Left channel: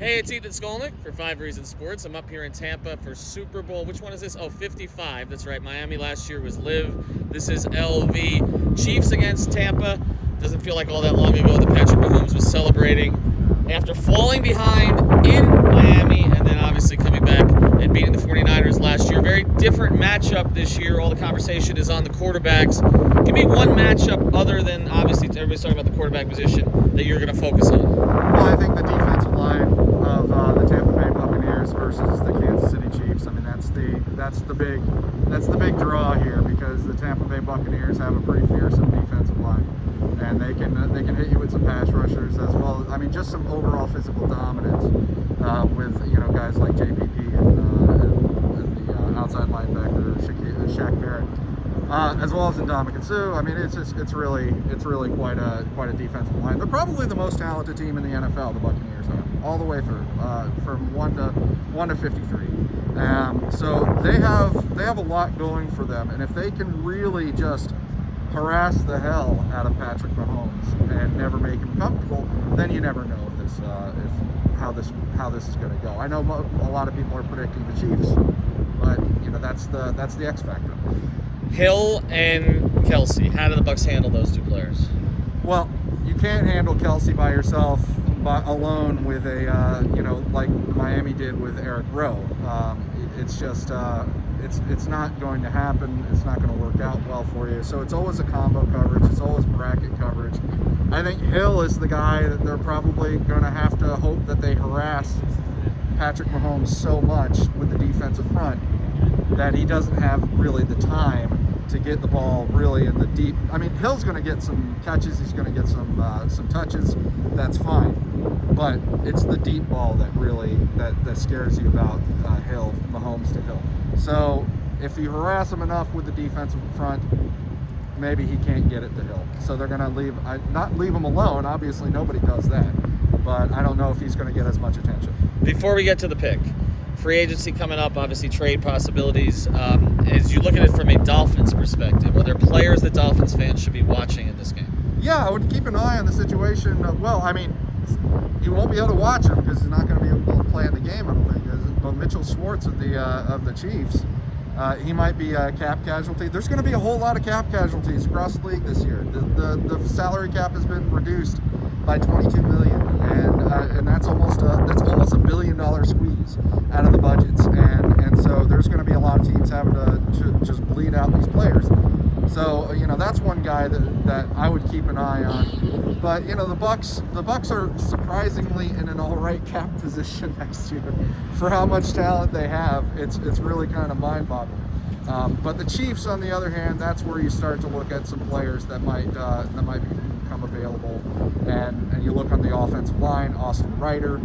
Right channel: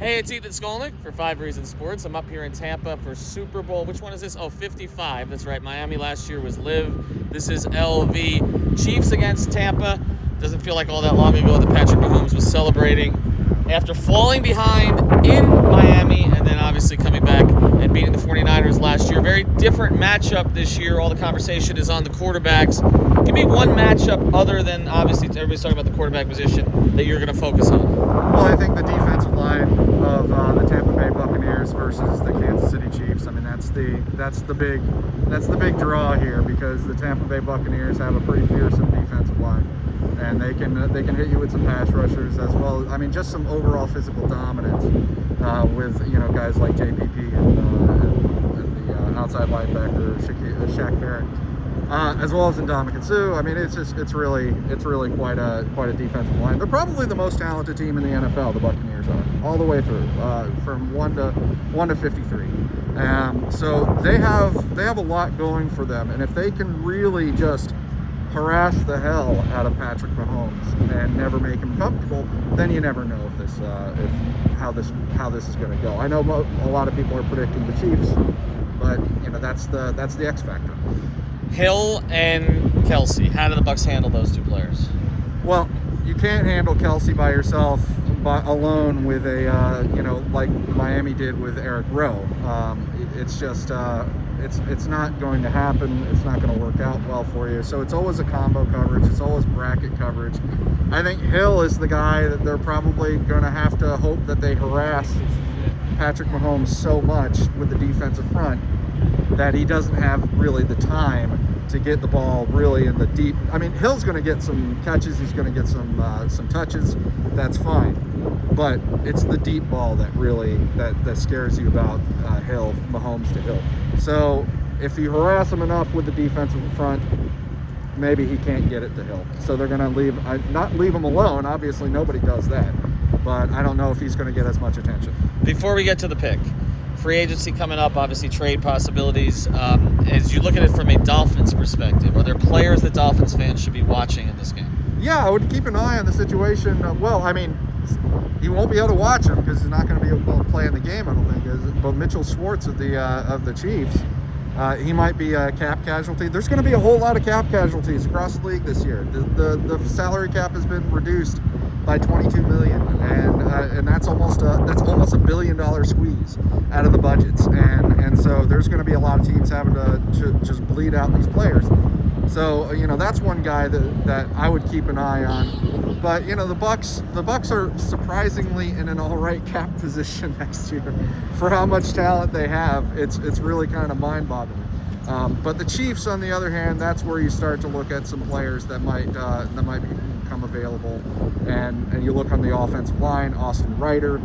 Hey, it's Ethan Skolnick for 5 Reasons Sports. I'm up here in Tampa for Super Bowl. Which one is this? Oh, 55. That's right. Miami last year was Live. This is LV. Chiefs against Tampa. Doesn't feel like all that long ago that Patrick Mahomes was celebrating after falling behind in Miami and then obviously coming back and beating the 49ers last year. Very different matchup this year. All the conversation is on the quarterbacks. Give me one matchup other than, obviously, everybody's talking about the quarterback position that you're going to focus on. Well, I think the defensive line of the Tampa Bay Buccaneers versus the Kansas City Chiefs. I mean, that's the big draw here, because the Tampa Bay Buccaneers have a pretty fearsome defensive line, and they can hit you with some pass rushers as well. I mean, just some overall physical dominance with guys like JPP and the outside linebacker Shaq Barrett. As well as Ndamukong Suh. I mean, it's really quite a defensive line. They're probably the most talented team in the NFL. The Buccaneers are, all the way through, from 1 to 53. So they have a lot going for them, and if they can really just harass the hell out of Patrick Mahomes and never make him comfortable, then you never know how this is going to go. I know a lot of people are predicting the Chiefs, but that's the X factor. Hill and Kelsey. How do the Bucs handle those two players? Well, you can't handle Kelsey by yourself, alone with like Miami did with Eric Rowe. It's just it's not going to happen. It's not going to work out well for you. So it's always a combo coverage. It's always bracket coverage. I think Hill is the guy that they're probably going to have to hope that they harass Patrick Mahomes so much with the defensive front that he doesn't have really the time to get the ball really in the deep. I mean, Hill's going to get some catches. He's going to get some touches. That's fine. But it's the deep ball that really that scares you about Hill, Mahomes to Hill. So if you harass him enough with the defensive front, maybe he can't get it to Hill. So they're going to not leave him alone. Obviously, nobody does that. But I don't know if he's going to get as much attention. Before we get to the pick, free agency coming up, obviously trade possibilities. As you look at it from a Dolphins perspective, are there players that Dolphins fans should be watching in this game? Yeah, I would keep an eye on the situation. Well, I mean, you won't be able to watch him because he's not going to be able to play in the game, I don't think. But Mitchell Schwartz of the Chiefs, he might be a cap casualty. There's going to be a whole lot of cap casualties across the league this year. The salary cap has been reduced by $22 million, and that's almost a $1 billion squeeze out of the budgets, and so there's going to be a lot of teams having to just bleed out these players. So that's one guy that I would keep an eye on. But the Bucs are surprisingly in an all right cap position next year for how much talent they have. It's really kind of mind-boggling. But the Chiefs, on the other hand, that's where you start to look at some players that might become available. And you look on the offensive line, Austin Ryder,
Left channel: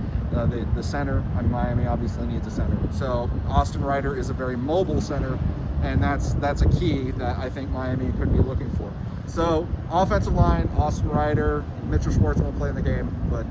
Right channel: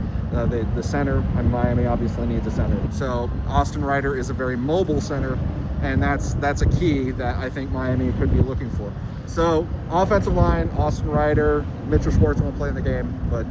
the center, and Miami obviously needs a center. So Austin Ryder is a very mobile center, and that's a key that I think Miami could be looking for. So offensive line, Austin Ryder, Mitchell Schwartz won't play in the game, but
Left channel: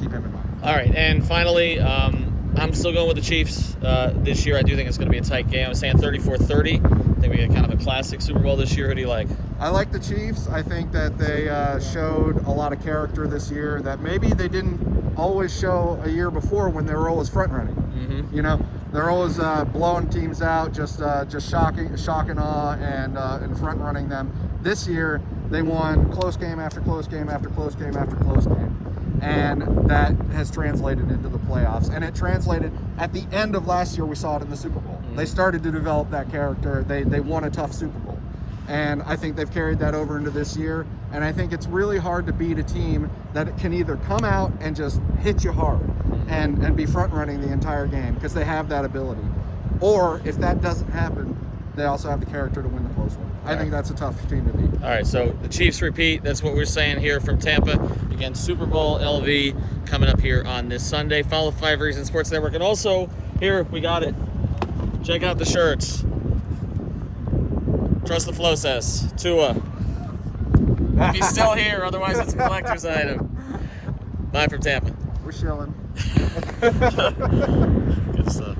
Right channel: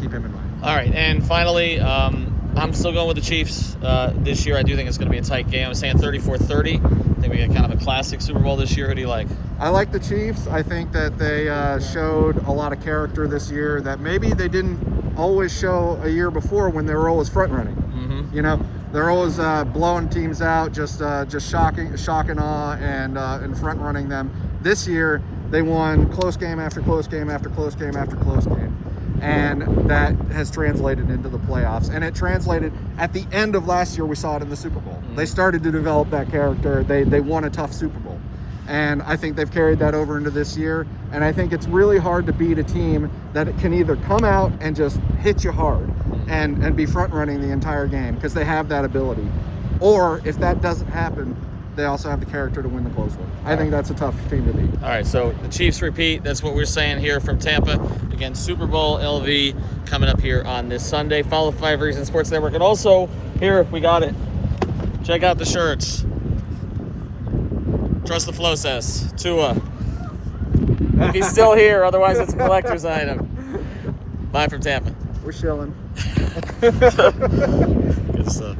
keep him in mind. All right, and finally, I'm still going with the Chiefs this year. I do think it's going to be a tight game. I'm saying 34-30. I think we got kind of a classic Super Bowl this year. Who do you like? I like the Chiefs. I think that they showed a lot of character this year that maybe they didn't always show a year before when they were always front running. Mm-hmm. They're always blowing teams out, just shock and awe, and front running them. This year they won close game after close game after close game after close game. And that has translated into the playoffs. And it translated at the end of last year. We saw it in the Super Bowl. They started to develop that character. They won a tough Super Bowl. And I think they've carried that over into this year. And I think it's really hard to beat a team that can either come out and just hit you hard and be front running the entire game, because they have that ability. Or if that doesn't happen, they also have the character to win the close one. I think that's a tough team to beat. All right, so the Chiefs repeat. That's what we're saying here from Tampa. Again, Super Bowl LV coming up here on this Sunday. Follow 5 Reasons Sports Network. And also, here, we got it. Check out the shirts. Trust the Flow says. Tua. If he's still here, otherwise it's a collector's item. Bye from Tampa. We're chilling. Good stuff.